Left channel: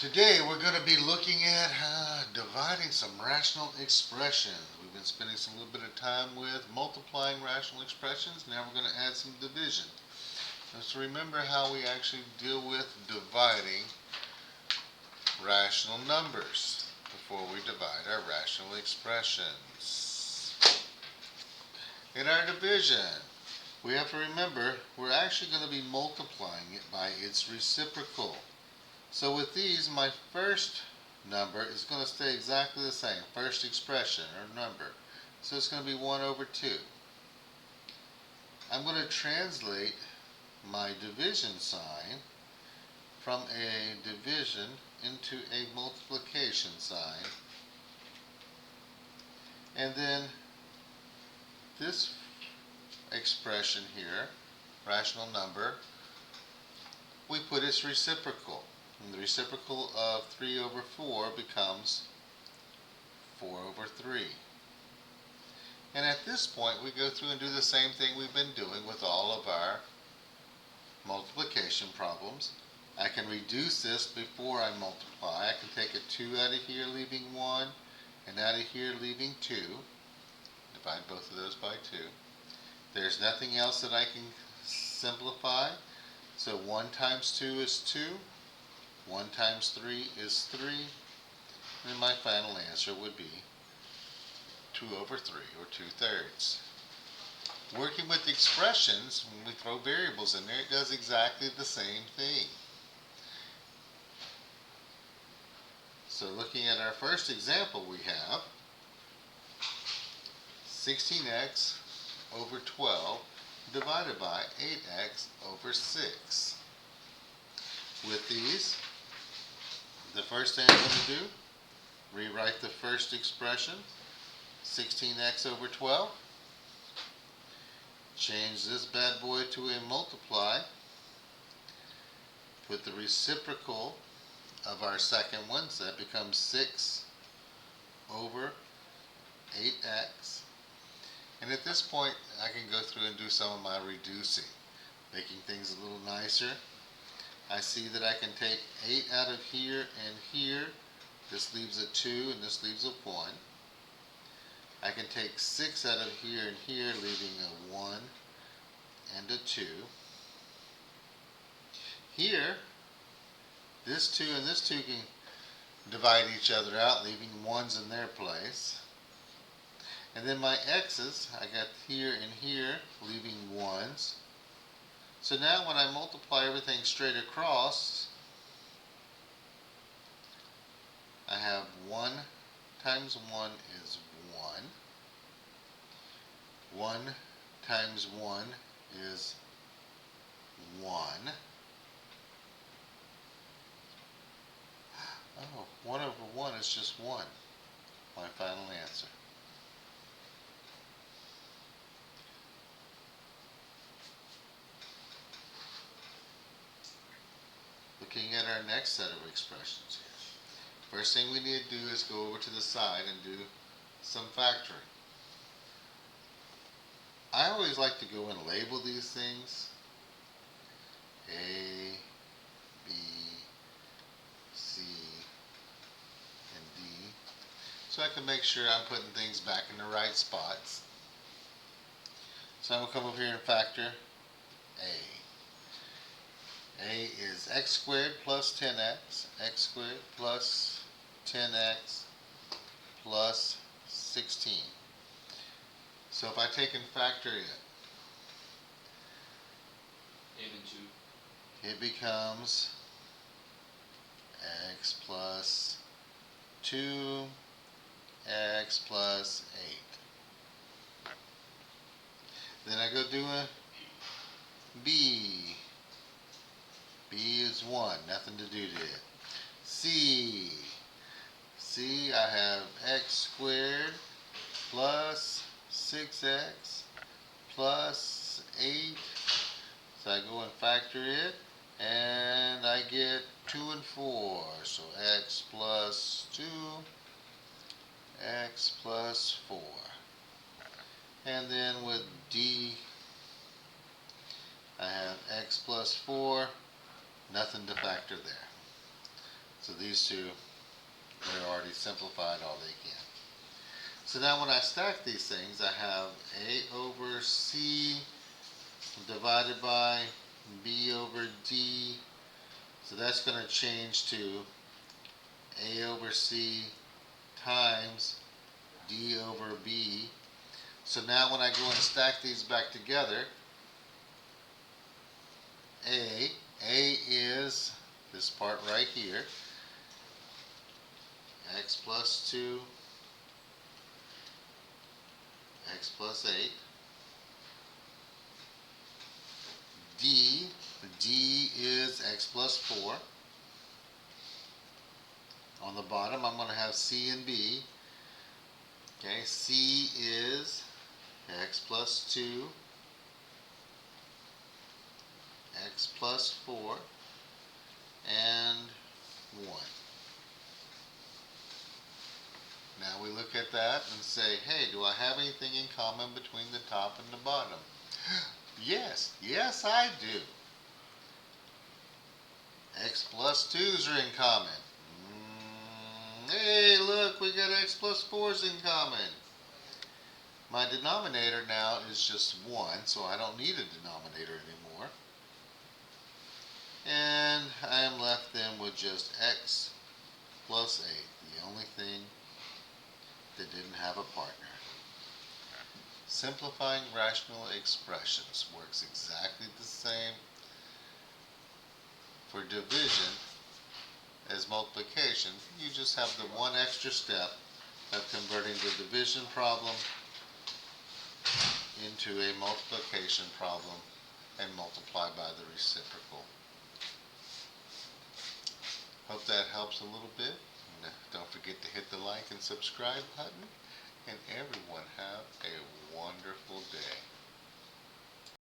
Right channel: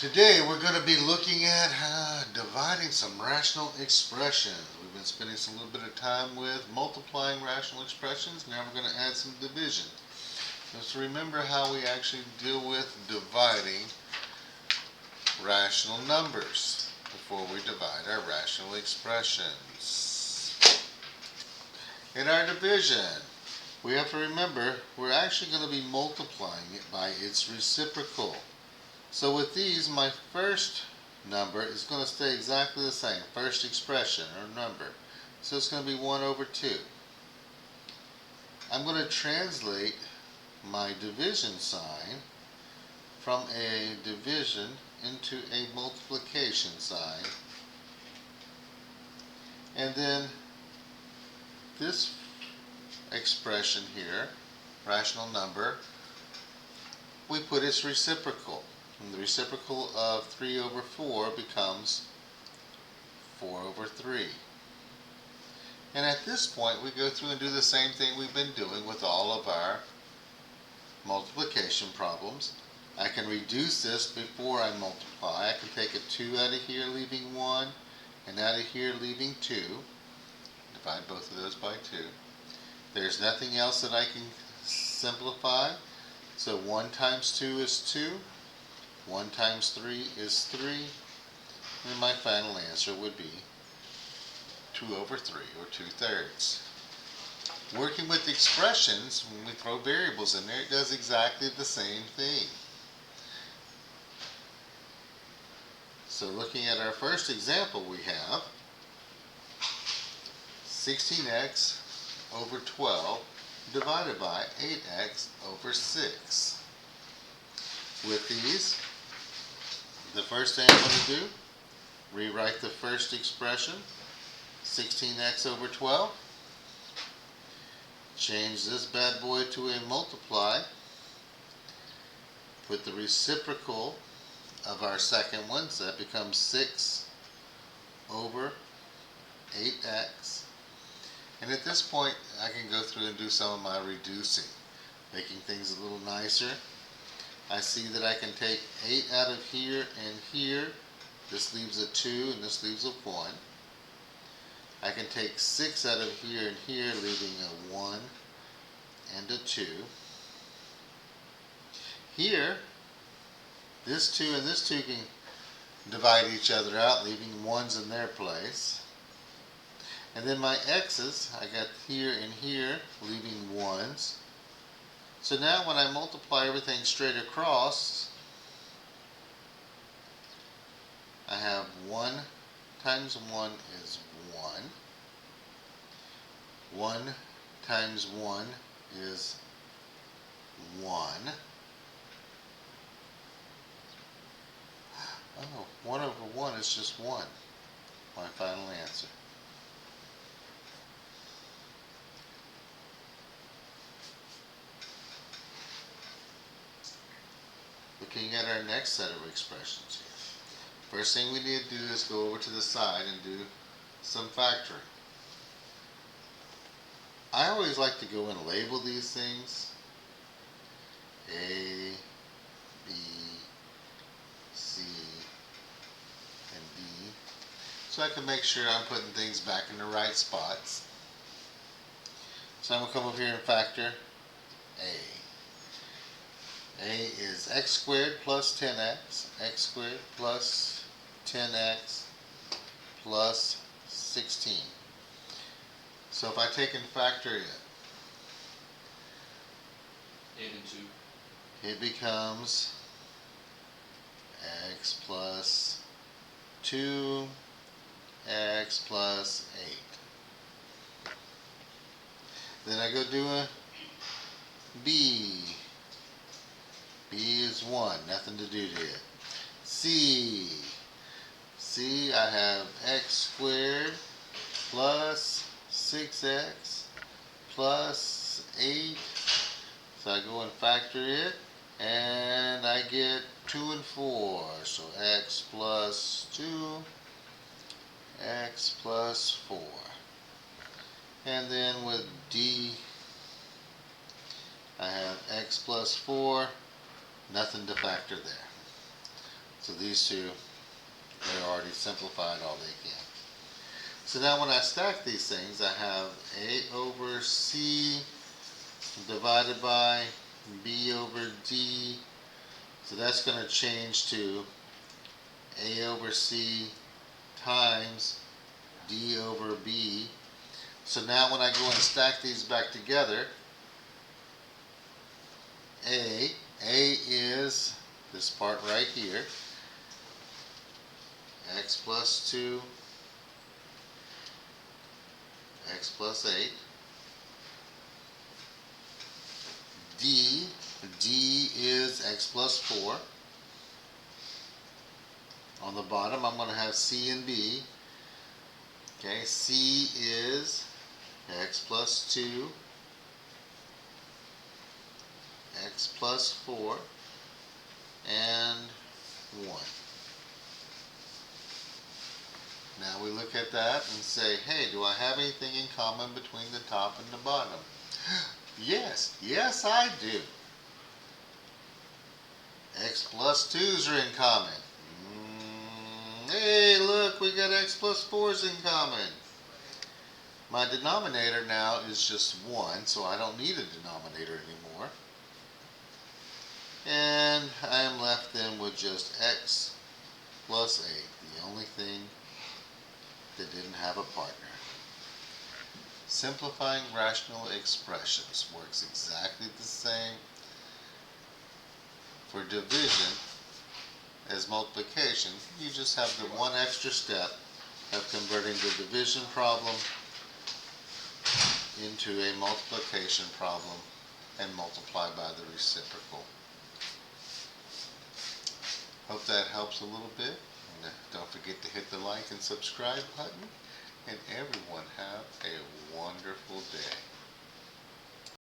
Today we're going to be looking at dividing some rational expressions. We've been spending some little bit of time with multiplying rational expressions. Now we're going to add some division. Let's remember how we actually deal with dividing rational numbers before we divide our rational expressions. In our division, we have to remember we're actually going to be multiplying it by its reciprocal. So with these, my first number is going to stay exactly the same, first expression or number. So it's going to be 1 over 2. I'm going to translate my division sign from a division into a multiplication sign. And then this expression here, rational number, we put its reciprocal. And the reciprocal of 3 over 4 becomes 4 over 3. And at this point, we go through and do the same thing we've been doing with all of our multiplication problems. I can reduce this before I multiply. I can take a 2 out of here, leaving 1, and out of here, leaving 2. Divide both of those by 2. There's nothing else that I can simplify. So 1 times 2 is 2. 1 times 3 is 3, and my final answer would be 2 over 3, or 2/3. Working with expressions, when we throw variables in there, it does exactly the same thing. So looking at our first example, we have 16x over 12 divided by 8x over 6. With these, the first thing I'm going to do, rewrite the first expression, 16x over 12. Change this bad boy to a multiply. Put the reciprocal of our second one, so that becomes 6 over 8x. And at this point, I can go through and do some of my reducing, making things a little nicer. I see that I can take 8 out of here and here. This leaves a 2 and this leaves a 1. I can take 6 out of here and here, leaving a 1 and a 2. Here, this 2 and this 2 can divide each other out, leaving 1s in their place. And then my x's, I got here and here, leaving 1s. So now when I multiply everything straight across, I have 1 times 1 is 1. 1 times 1 is 1. Oh, 1 over 1 is just 1. My final answer. Looking at our next set of expressions. First thing we need to do is go over to the side and do some factoring. I always like to go and label these things. A, B, C, and D. So I can make sure I'm putting things back in the right spots. So I'm going to come over here and factor A. A is x squared plus 10x, x squared plus 10x plus 16. So if I take and factor it, 8 and 2. it becomes x plus 2, x plus 8. Then I go do a B. B is 1, nothing to do to it. C. C, I have x squared plus 6x plus 8. So I go and factor it, and I get 2 and 4. So x plus 2, x plus 4. And then with D, I have x plus 4, nothing to factor there. So these two, they're already simplified all they can. So now when I stack these things, I have A over C divided by B over D. So that's going to change to A over C times D over B. So now when I go and stack these back together, A is this part right here, x plus 2, x plus 8. D is x plus 4. On the bottom, I'm going to have C and B. Okay, C is x plus 2, x plus 4, and 1. Now we look at that and say, hey, do I have anything in common between the top and the bottom? Yes, I do. X plus 2's are in common. Hey, look, we got x plus 4's in common. My denominator now is just 1, so I don't need a denominator anymore. And I am left then with just x plus 8, the only thing that didn't have a partner. Simplifying rational expressions works exactly the same for division as multiplication. You just have the one extra step of converting the division problem into a multiplication problem and multiply by the reciprocal. Hope that helps a little bit. And don't forget to hit the like and subscribe button. And everyone have a